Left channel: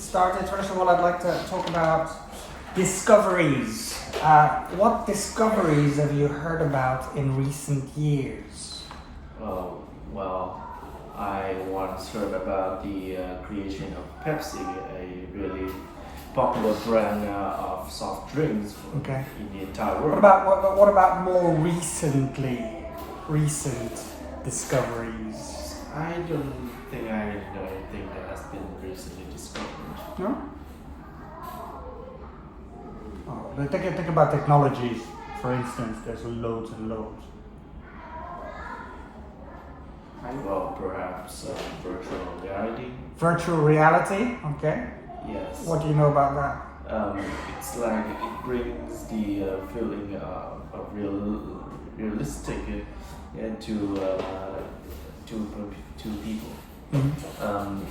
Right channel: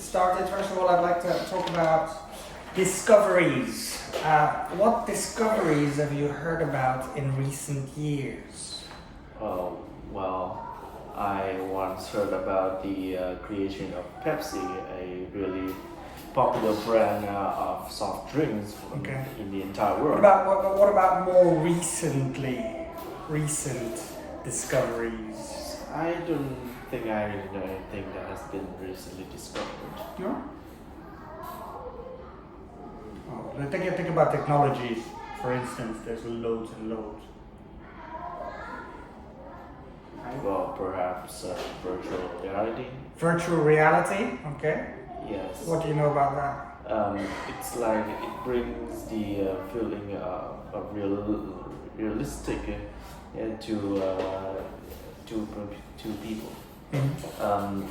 get started, first of all, I'd like to talk about discoveries. What discoveries have you heard about in recent years? Well, I once heard about the creation of Pepsi, a really popular brand of soft drinks in the entire world. What about more recent discoveries? I don't think I know anything that has been recently discovered. No? Oh, think about technologies, for instance. There's loads and loads. Well, perhaps virtual reality. Virtual reality, okay. Yes. What do you know about that? It's like it brings the feeling of realistic to people. Mm-hmm.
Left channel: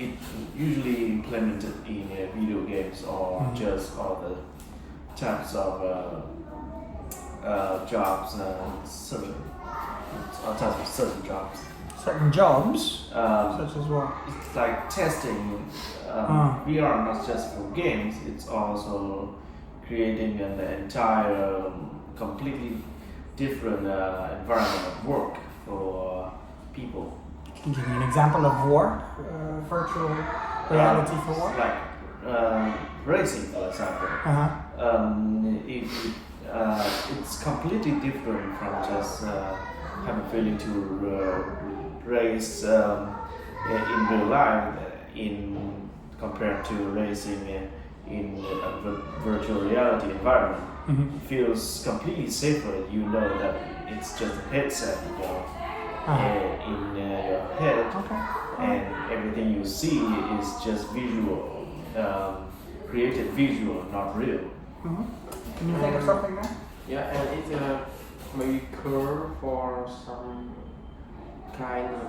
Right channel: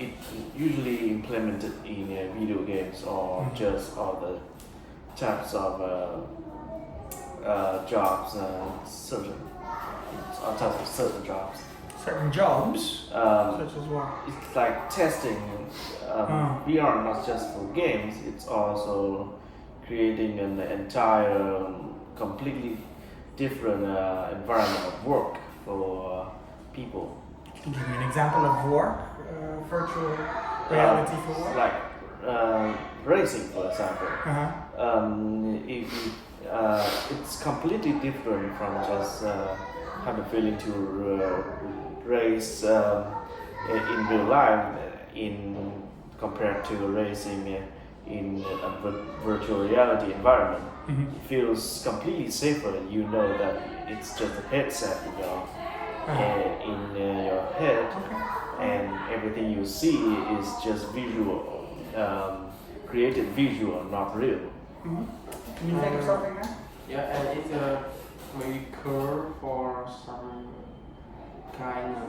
It usually implemented in video games or just other types of jobs, certain jobs. Certain jobs, such as what? It's like testing. VR not just for games; it's also creating an entire, completely different environment of work for people. Can you give me an example of work, virtual reality for work? Like racing, for example. It's completely different from just having feeling to race in real life, compared to racing in a virtual reality environment. Mm-hmm. It feels completely safer. You know that it's just a headset in your head, and everything you see is just visual, created visual, not real. Mm-hmm. Can you think of something there? Yeah, and it's maybe curve for some kind of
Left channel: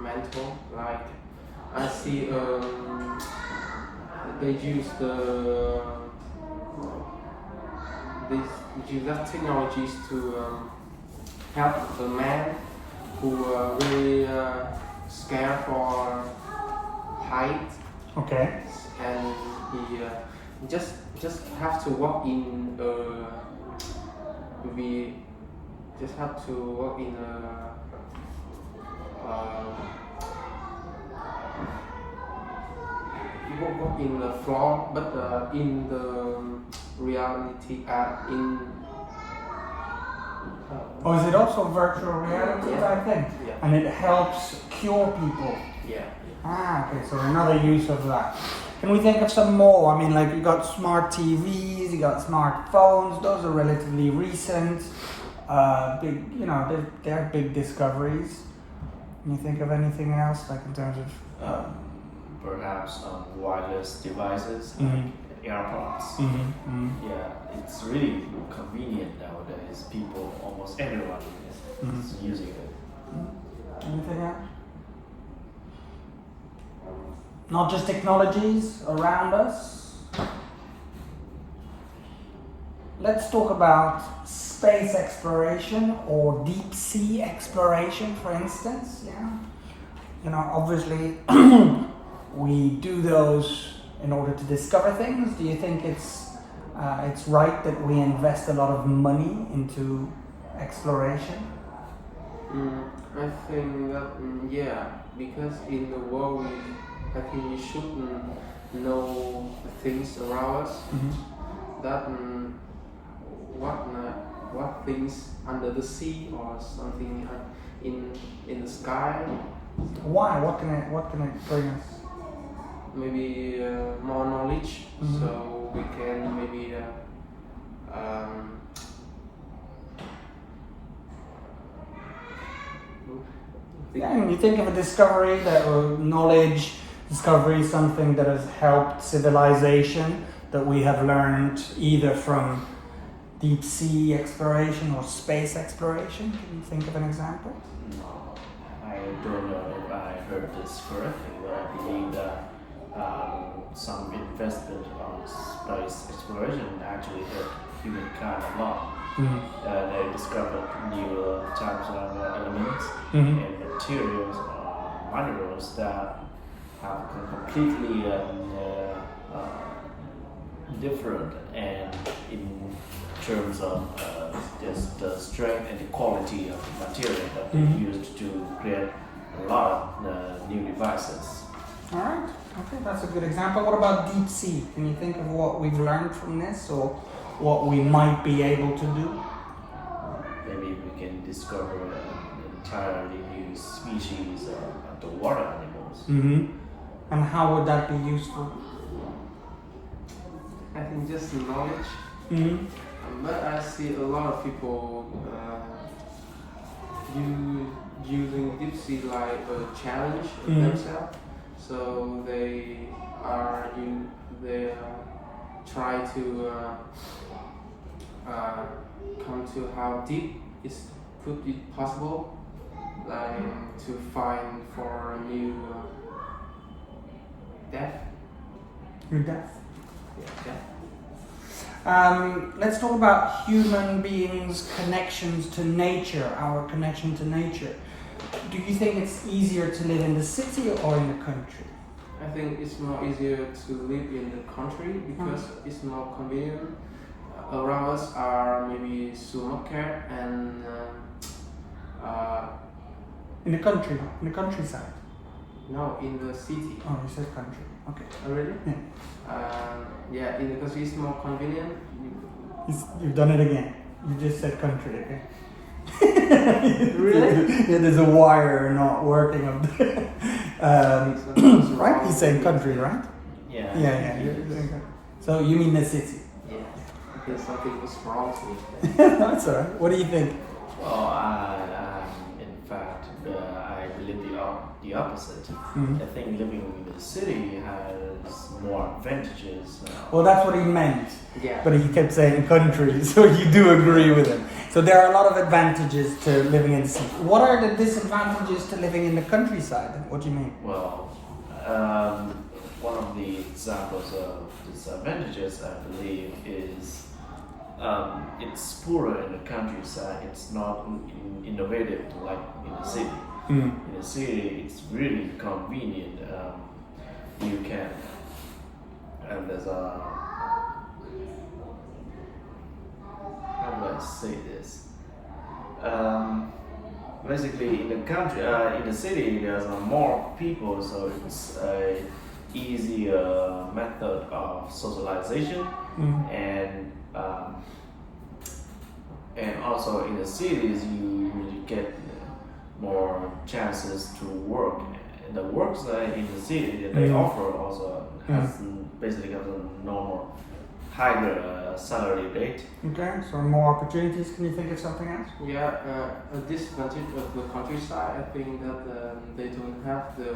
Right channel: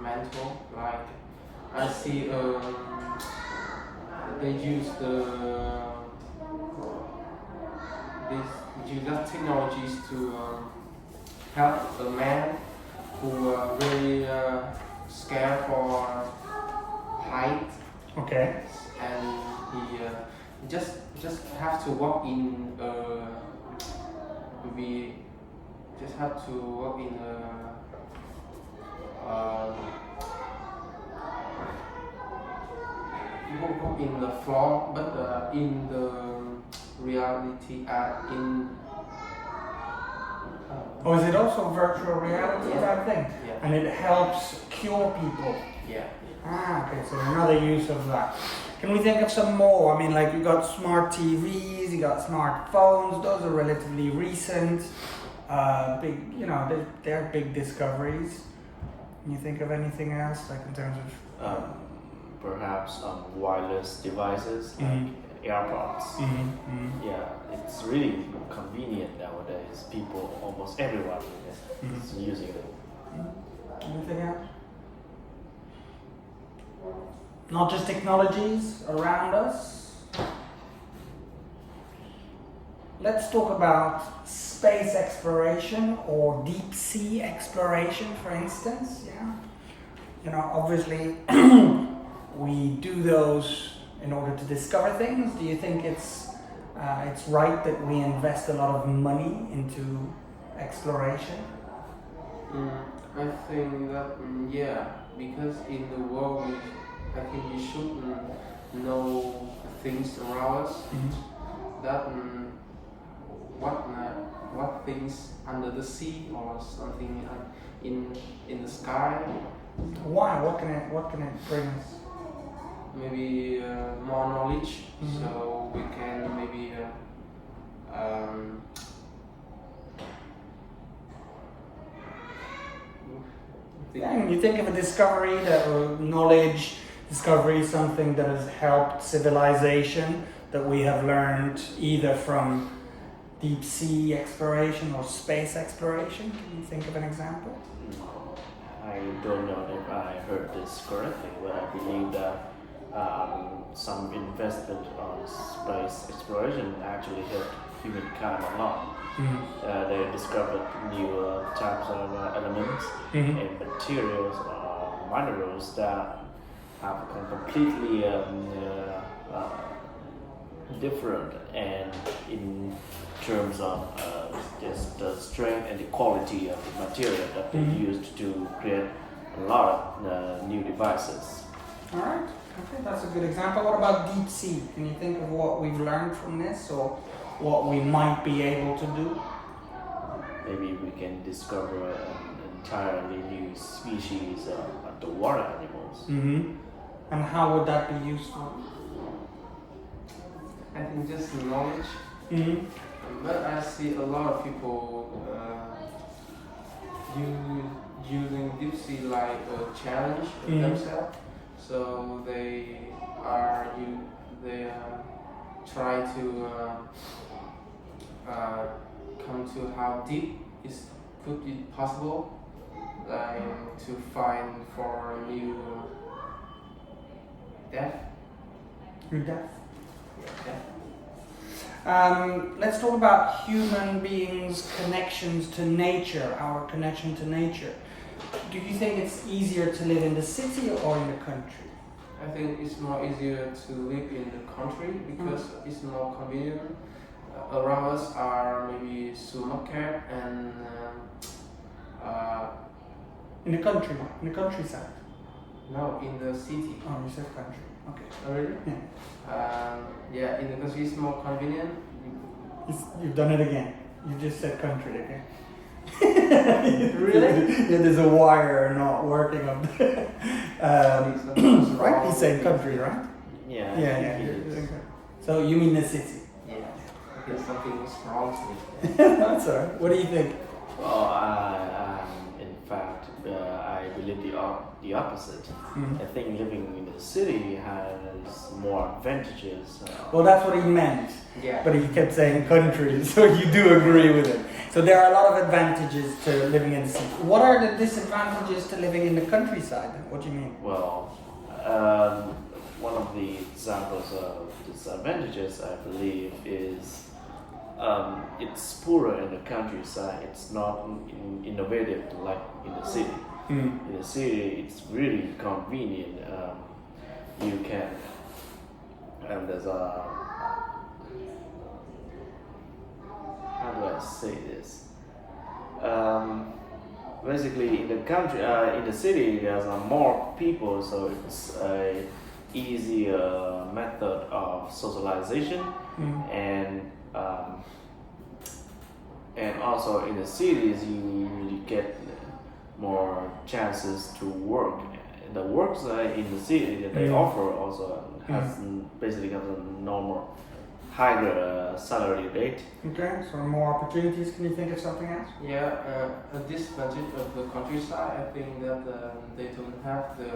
mental. Like I see, they use that technologies to help the man who are really scared for height. Okay. And he just have to walk in we just have to walk in walk in the floor, but in the reality Oh, is it also virtual reality type thing? Yeah. And it helps cure people. Yeah. Okay, so another use of that. Can we think of some more? I mean, like you got smart TVs, you got smartphones. Those are relatively recent. Big, they're big discoveries. Can you think of anything else, like in terms of? Perhaps wireless devices Mm-hmm. like AirPods. Mm-hmm. Mm-hmm. Yeah, it's really convenient nowadays. Almost everyone is using it. Anything else? Not just technologies around us. Let's talk about space exploration or deep sea exploration, for instance. Obviously we do those in order to discover things. Do you think it's right that we invest a lot of money into exploration? I think that because in the world I think we should know the things around us. Mm-hmm. That what things under the sea or something in the sky. Why? What can it bring us? Maybe more knowledge, Mm-hmm. so we can maybe You think of a discovery knowledge discovery, something that has helped civilization, that we have learned either from deep sea exploration or space exploration. Can you think of an example? No, I don't know if I heard this correctly, but I believe that some investment on space exploration actually helped humankind a lot. Mm-hmm. They discovered new types of elements Mm-hmm. and materials or minerals that have become completely different, and in terms of just the strength and the quality of the material that they used to create a lot of new devices. All right. Okay, that's a good example. What about deep sea? Can you think of what we've learned from this, or what we might be able to do? Maybe we can discover an entirely new species of underwater animals. And how would that be useful? I think just knowledge. But I see a lot of people using deep sea like a challenge of themselves. So they try to come to how deep could be possible, like to find for a new depth. Your death. Yeah, Let's talk about human beings' connections to nature, our connection to nature. Do you think it's easier to live in the city or in the country? I think it's more easier to live in the country because it's more convenient. Around us are maybe supermarket and In the country, in the countryside. no, in the city. Oh, you said country. Okay. Oh, really? Yeah. Yeah, in the country it's more convenient. You've done it again. You just said country again. Really? Yeah, there's a wire not working up there. Right? You're saying country, right? Yeah. Yeah. So you mean the city? Yeah. I think something is wrong to me. That's alright. What do you think? In fact, I believe the opposite. Mhm. I think living in the city has more advantages. Well, that's what he meant. Yeah. But he kept saying country, so you do agree with him. So there are a lot of advantages to living in the city. What are the disadvantages to living in the countryside? What do you mean? Well, one of the examples of disadvantages, I believe, is it's poorer in the countryside. It's not innovative like in the city. In the city, it's really convenient. You can, and there's a, how do I say this? Basically, in the country, in the city, there's more people, so it's a easier method of socialization, and also in the cities, you get more chances to work. The works in the city that they offer also has basically have a normal higher salary rate. Okay, so more opportunities. Can you think of something else? Yeah, a disadvantage of the countryside, I think that they don't have the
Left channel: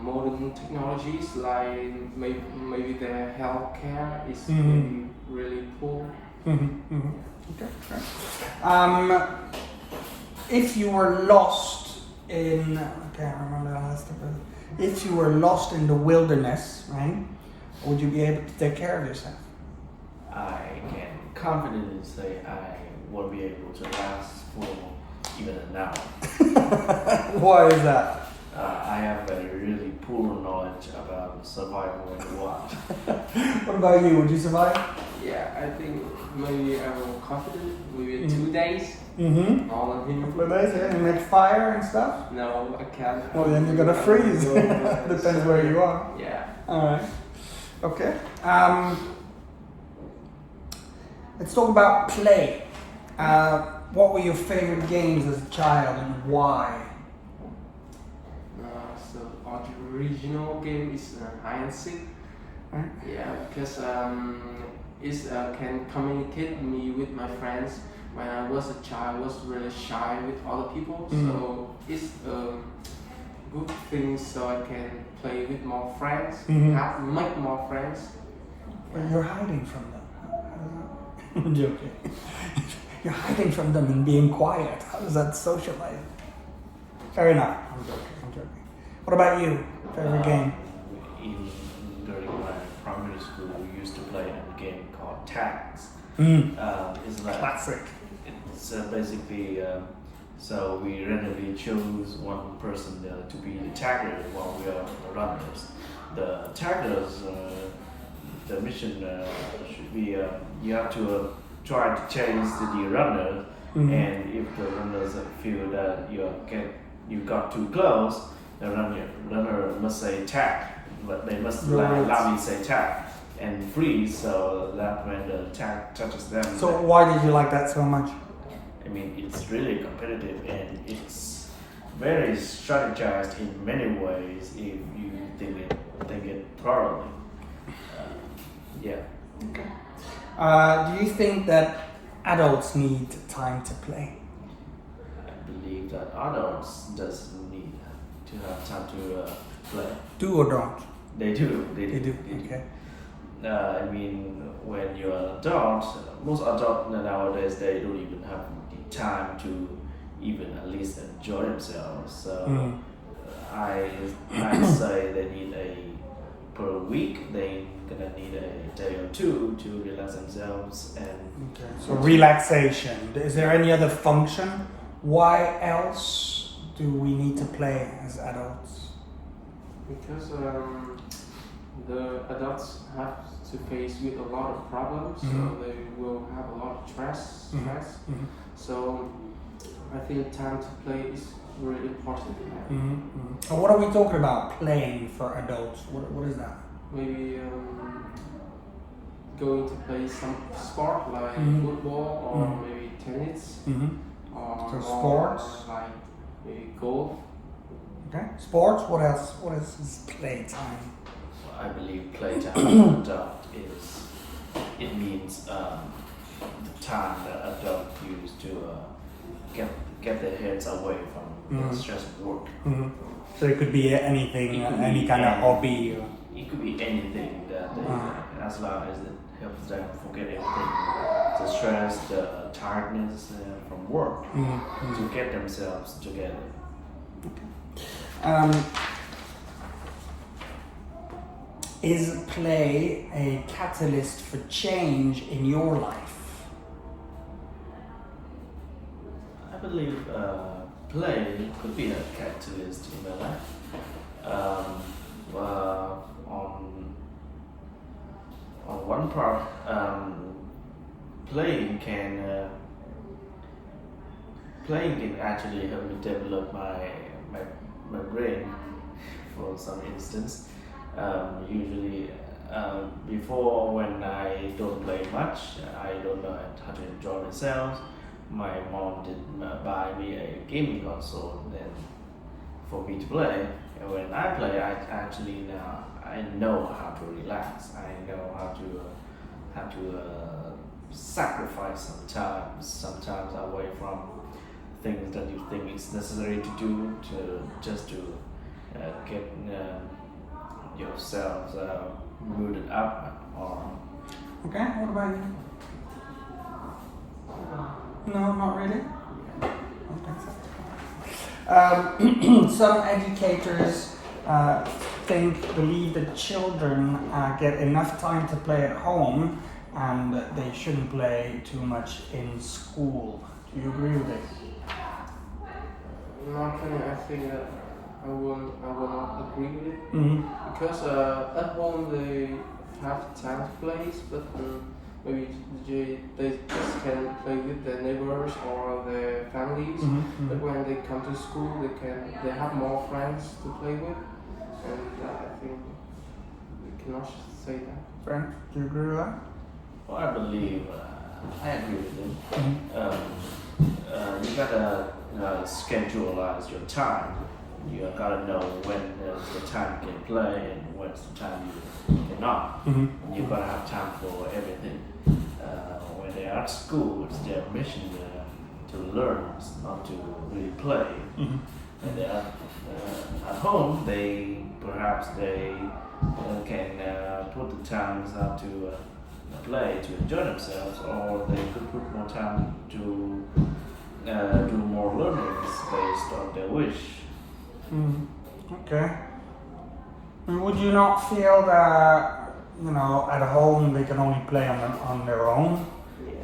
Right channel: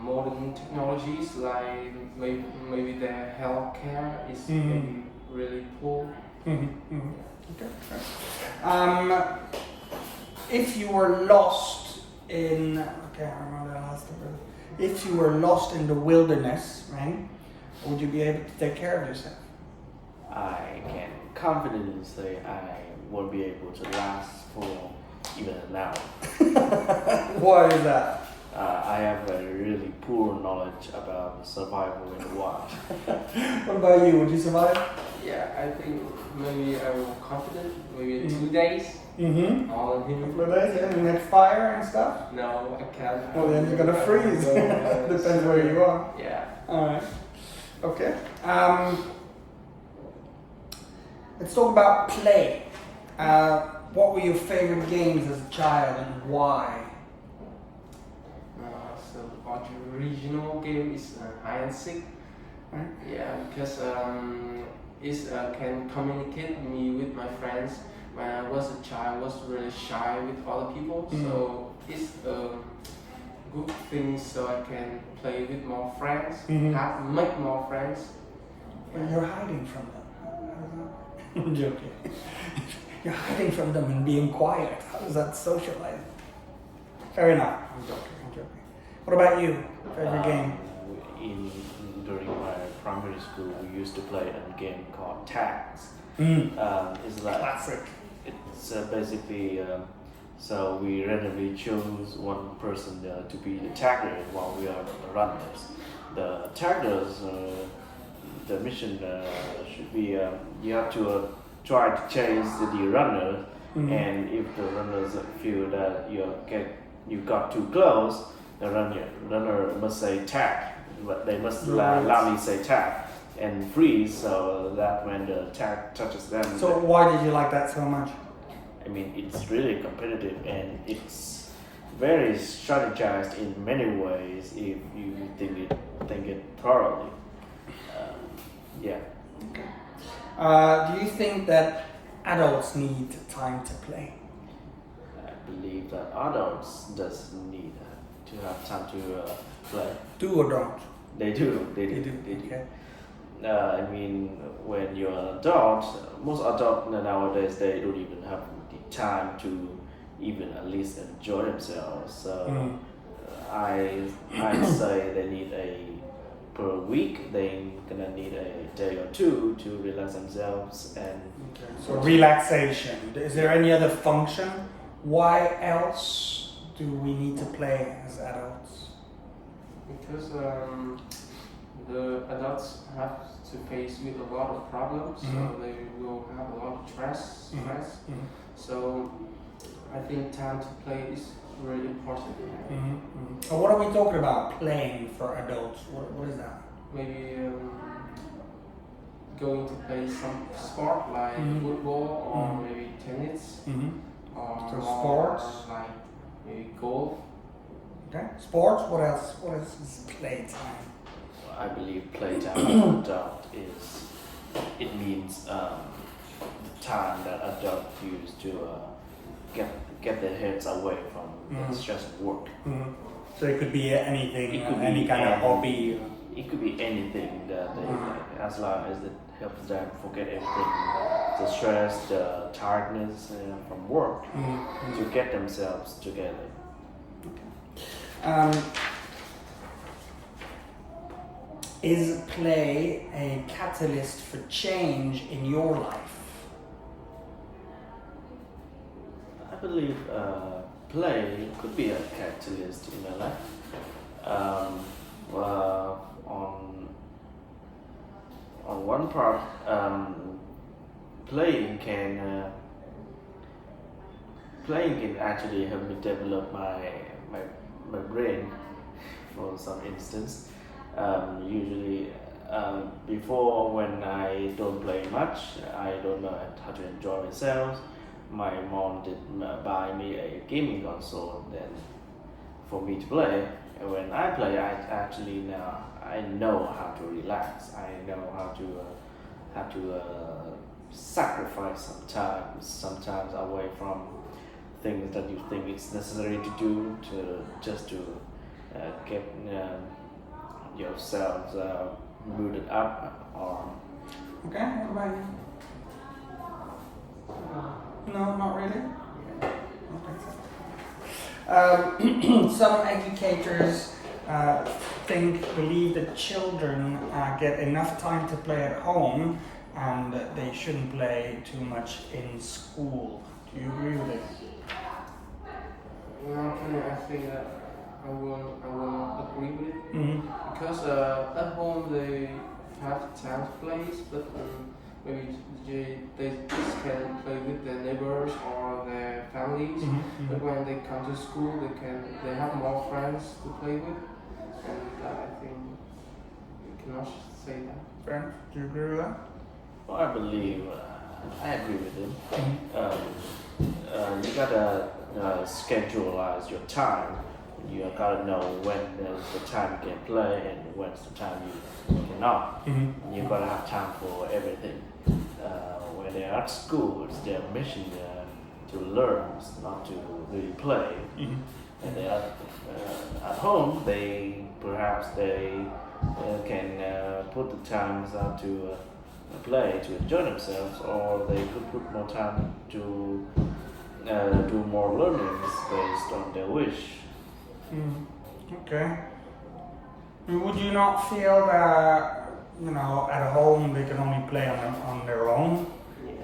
modern technologies, like maybe their healthcare is maybe really poor. Okay. If you were lost in, okay, I remember that last couple. If you were lost in the wilderness, right, would you be able to take care of yourself? I can confidently say I won't be able to last for even an hour. Why is that? I have a really poor knowledge about survival in the wild. What about you? Would you survive? Yeah, I think maybe I'm confident. Maybe 2 days. All of him. For days, yeah, and like fire and stuff? No, I can't. Well, then you're gonna freeze. Depends where you are. Yeah. Alright. Okay. Let's talk about play. What were your favorite games as a child and why? So our original game is hide and seek. Right. Yeah, because it can communicate me with my friends. When I was a child, I was really shy with other people, so it's a good thing so I can play with more friends, make more friends. Well, you're hiding from them. I'm joking. You're hiding from them and being quiet. How is that socializing? Fair enough. I'm joking. What about you? Favorite game? During my primary school, we used to play a game called tags. It's like Classic. it's basically So we randomly choose one person to be the tagger while we are runners. The taggers, the mission should be you have to try to chase the runner, and if the runners feel that you got too close, the runner must say tag, but they must loudly say tag and freeze, so that when the tag touches them. So why did you like that so much? I mean, it's really competitive and it's very strategized in many ways if you think it thoroughly. Yeah. Do you think that adults need time to play? I believe that adults does need to have time to play. Do or don't? They do. Okay. I mean, when you're an adult, most adults nowadays they don't even have the time to even at least enjoy themselves. So I say they need per week they gonna need a day or two to relax themselves and. So relaxation. Is there any other function? Why else do we need to play as adults? Because the adults have to face with a lot of problems, so they will have a lot of stress. So I think time to play is really important. So what are we talking about playing for adults? What is that? Maybe going to play some sport like football or maybe tennis or So sports? like maybe golf. Okay. Sports. What else? What else is playtime? I believe playtime as an adult it means the time that adults use to get their heads away from the stress of work. So it could be anything, It could any be kind of any- hobby. It could be anything that they, as long as it helps them forget everything, the stress, the tiredness from work, to get themselves together. Is play a catalyst for change in your life? I believe play could be a catalyst in a life. On one part, playing can actually help me develop my brain. For some instance, usually before when I don't play much, I don't know how to enjoy myself. My mom did buy me a gaming console then for me to play. And when I play, I know how to relax. I know how to sacrifice sometimes away from things that you think it's necessary to do to get yourselves rooted up on. Okay. What about you? No, not really. Okay. Some educators believe that children get enough time to play at home and that they shouldn't play too much in school. Do you agree with this? Actually, I think that I will not agree with it because at home they have time to play, but maybe they just can play with their neighbors or their families. But when they come to school, they have more friends to play with, and I think we cannot say that. Frank, do you agree with that? Well, I believe I agree with you. You gotta scheduleize your time. You gotta know when there's the time you can play and when's the time you cannot. You gotta have time for everything. When they're at school, it's their mission to learn, not to really play. And they're at home, they can put the times out to play to enjoy themselves, or they could put more time to do more learnings based on their wish. Okay. I mean, would you not feel that at home they can only play on their own,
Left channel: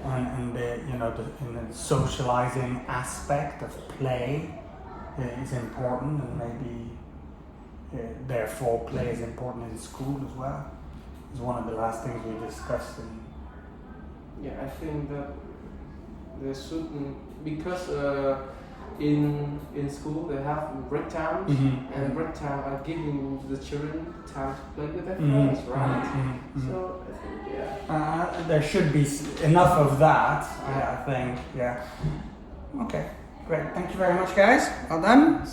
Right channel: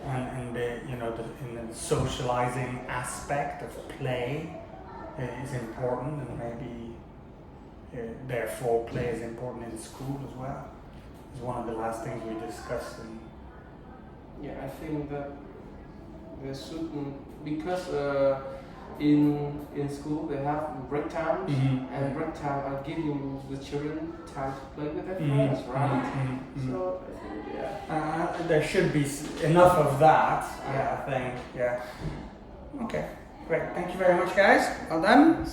and they, in the socializing aspect of play is important, and maybe therefore play is important in school as well. It's one of the last things we discussed. Yeah, I think that there should because in school they have break times, and break time are giving the children time to play with their friends, right? So I think there should be enough of that. Yeah, I think. Yeah. Okay, great. Thank you very much, guys. Well done.